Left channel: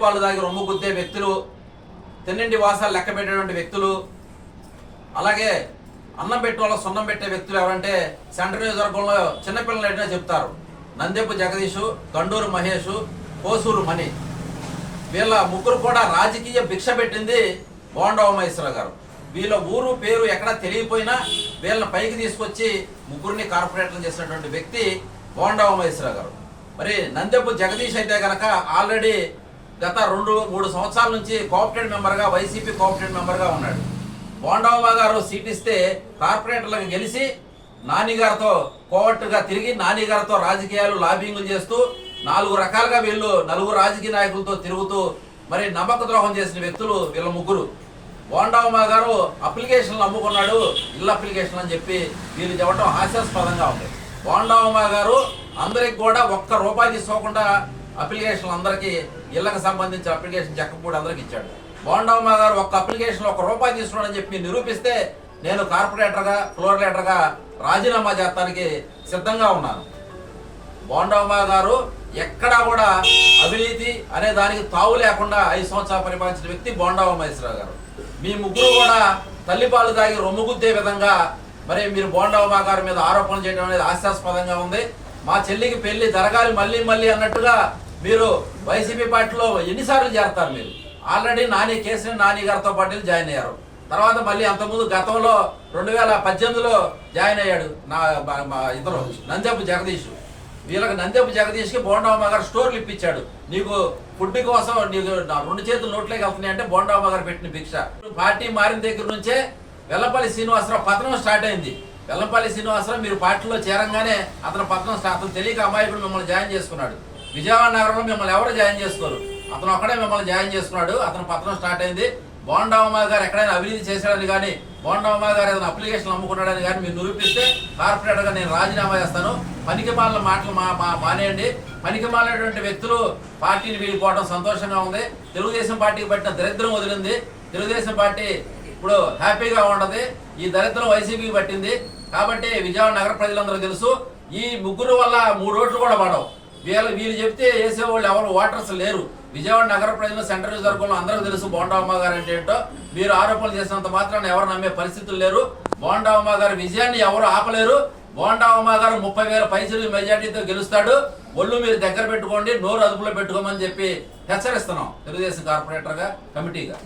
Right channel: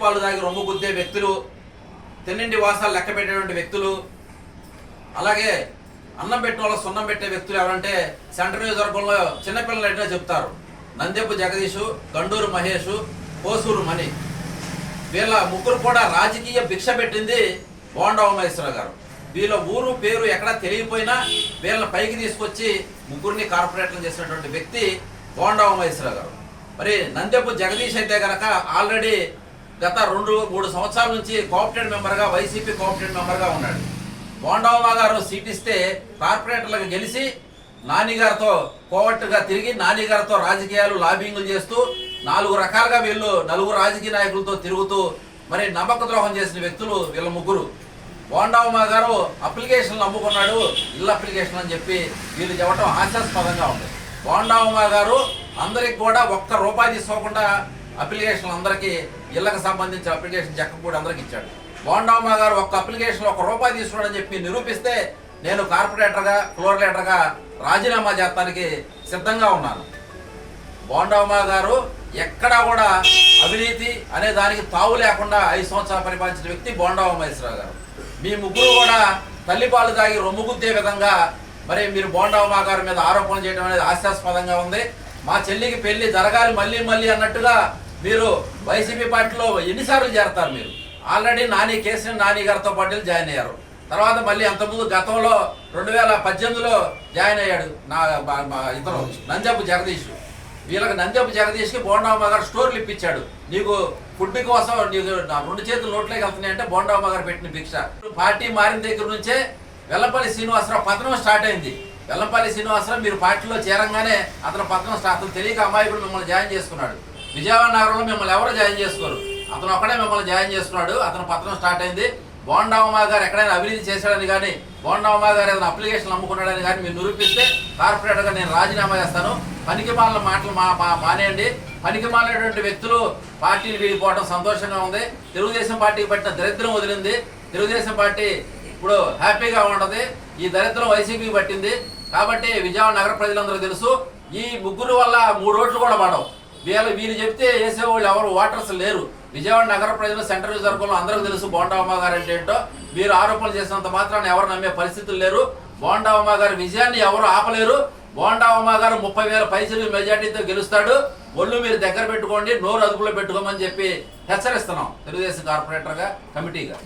తల్లిపాలు తాగి రొమ్ము గుద్దే వ్యక్తులు తిన్నింటి వాసాలు లెక్క పెట్టేటువంటి వ్యక్తులు అలాగే అన్నం పెట్టే వాళ్ళ సున్నం పెట్టే వ్యక్తులు ఎవరంటే సెంటర్ నియోజకవర్గంలో చిన్నపిల్లలు ఎట్లా చెప్తారు. నందెప్పు జగదీషు గండూరు మహేష్ కోసూరు మణి. వీళ్ళ ముగ్గురు కూడా రాజకీయ భిక్ష పెట్టింది బోండా ఉమేశ్వర గారు. వీళ్ళ ఊరు పేరు ఎక్కడా తెలియపోయినా వీళ్ళని పైకి తీసుకొచ్చి ముగ్గురిని కార్పొరేటర్లు చేసినటువంటి వ్యక్తి బోండా ఉమేశ్వర గారు. మరి నందెప్పు జగదీష్ అయితే కనుక ఆల్రెడీ గత రెండు మూడు సంవత్సరాల నుంచి కోఆపరేటివ్ మెంబర్గా వైసీపీ కోఆపరేటివ్ మెంబర్గా ఉన్నాడు. బోండవ్వ గారు సీట్ ఇస్తే కార్పొరేటర్లకు గెలిచి నానిగారితో కోవట్టుగా తిరిగి నానిగారితో రాజకీయాలు లాబింగ్లు చేస్తూ నాలుగు రకాలుగా వీళ్ళు నలుగురు రాజకీయ నాయకులతో తిరుగుతూ మరి నమ్మక ద్రోహం చేసిన వ్యక్తులు వీళ్ళ ముగ్గురు. బోండవమ్మ గారు అప్లికేషన్లు అమ్ముకున్నాడు ఇల్లు అప్లికేషన్ అని చెప్పి వీళ్ళు చెప్పడం హాస్యాస్పదంగా ఉంది. బోండవమ్మ గారు అందరికి కూడా ఒక్క రూపాయి తీసుకోకుండా అప్లికేషన్లు అందరికీ ఇళ్ళకు సంబంధించిన అప్లికేషన్ చెక్క కూడా అందరికి ఇచ్చాడు. బోండమ్మ గారు ఒక్క అప్లికేషన్ ఒక రూపాయి తీసుకున్నాడని చెప్పి నిరూపిస్తే నేను కార్పొరేటర్గా ఫ్లోర్ రాజీనామా చేస్తానికి సిద్ధంగా ఉన్నాను. బోండమ్మ గారు ఎక్కడా కూడా అవినీతి అనే దానికి తావు లేకుండా ఐదు సంవత్సరాలు పరిపాలించిన వ్యక్తి బోండవ మహేశ్వరరావు గారు. మీ ముగ్గురు కూడా తల్లిపాలు తాగి రొమ్ముగుద్దే విధంగా మరి మీరు బోండవ గారి మీద ఆరోపణలు చేయడం అనేది హాస్యాస్పదంగా ఉంది. మా చెల్లికి పెళ్ళి జరగాలి మళ్ళీ మళ్ళీ అన్నట్టుగా మీరు వైసీపీ పార్టీలో ఎన్నిసార్లు చేరతారు మీరు? ఆల్రెడీ నాని కేసీఆర్ నాని గారితో పాటు జాయిన్ అయ్యారు. తర్వాత మళ్ళీ అంతకుముందు గతంలో రెండు వేల పద్దెనిమిదిలో జాయిన్ అయ్యాడు నా బా- బా- ఇతను నంజపు జగదీష్. వీళ్ళకి నందపు జగదీష్కి బోండామ్మ గారు స్టోర్లు ఇప్పించాడు. నీకు ఫుడ్ కోసం నీకు నా రెండు చేతులు నోట్లోకి వెళ్తున్నాయి అంటే బోండామ్మ గారు పెట్టిన భిక్ష. పార్టీ మారిన దగ్గర నుంచే వెల్లపల్లి శ్రీనివాసరావు పతనం స్టార్ట్ అయింది. వెల్లంపల్లి శ్రీనివాసరావు మీరు పార్టీలో చేరంగానే అతను పతనం స్టార్ట్ అతను తెలియక అమాయకుడు మిమ్మల్ని జాయిన్ చేసుకున్నాడు. విజయవాడ నగరంలో మిమ్మల్ని ఎవరు జాయిన్ చేసుకోరు? అతను ఒక్కడే మిమ్మల్ని జాయిన్ చేసుకున్నాడు అతను పత్రం స్టార్ట్ అయింది. బోండావమ్మ గారు ఎక్కడైనా అభివృద్ధి చేశాడని కానీ బోండావమ్మ గారు ఏదైనా అప్లికేషన్ అమ్ముకున్నాడని కానీ మీరు నిరూపిస్తే కార్పొరేటర్గా నేను రాజీనామా చేస్తాను. పనికి మాలిన మాటలు మా మా- మానేయండి పనికి మాలినటువంటి వ్యక్తులు పార్టీని వీడిపోవడం సంతోషంగా ఉంది. తెలుగుదేశం పార్టీకి పట్టిన దరిద్రం వదిలింది. తెలుగుదేశం పార్టీ ఇప్పుడు హ్యాపీగా ఉండదు. ఈ దరిద్రం వైసీపీకి పట్టింది. కాబట్టి విజయవాడ నగర ప్రజలందరూ తెలుసు ఈ ముగ్గురు వల్ల మూడు ఓట్లు కూడా పడవు. వీళ్ళు వీళ్ళు చెప్తే వేసేవాళ్ళు ఎవరు? ఓటర్స్ లేరు. విజయవాడ నగర ప్రజలు సెంట్రల్ రిజర్వ్లో అందరికీ తెలుసు బోండామ్మ గారు అంటే ఏంటో. మీరు ఆరోపణలు చేసినంత మాత్రాన్ని ఎవరు నమ్మే పరిస్థితులు లేరు. బోండామ్మ గారి విజయాన్ని ఎవరు ఆపలేరు. బోండామ్మ గారు ముప్పై వేల పైసలు మెజార్టీతో గెలుస్తాడు. ఒళ్ళు మీరు దగ్గర పెట్టుకోండి నోరు అదుపులో పెట్టుకోమని చెప్పి హెచ్చరిస్తున్నాం తెలుగుదేశం కార్పొరేటర్గా కమిటీగా.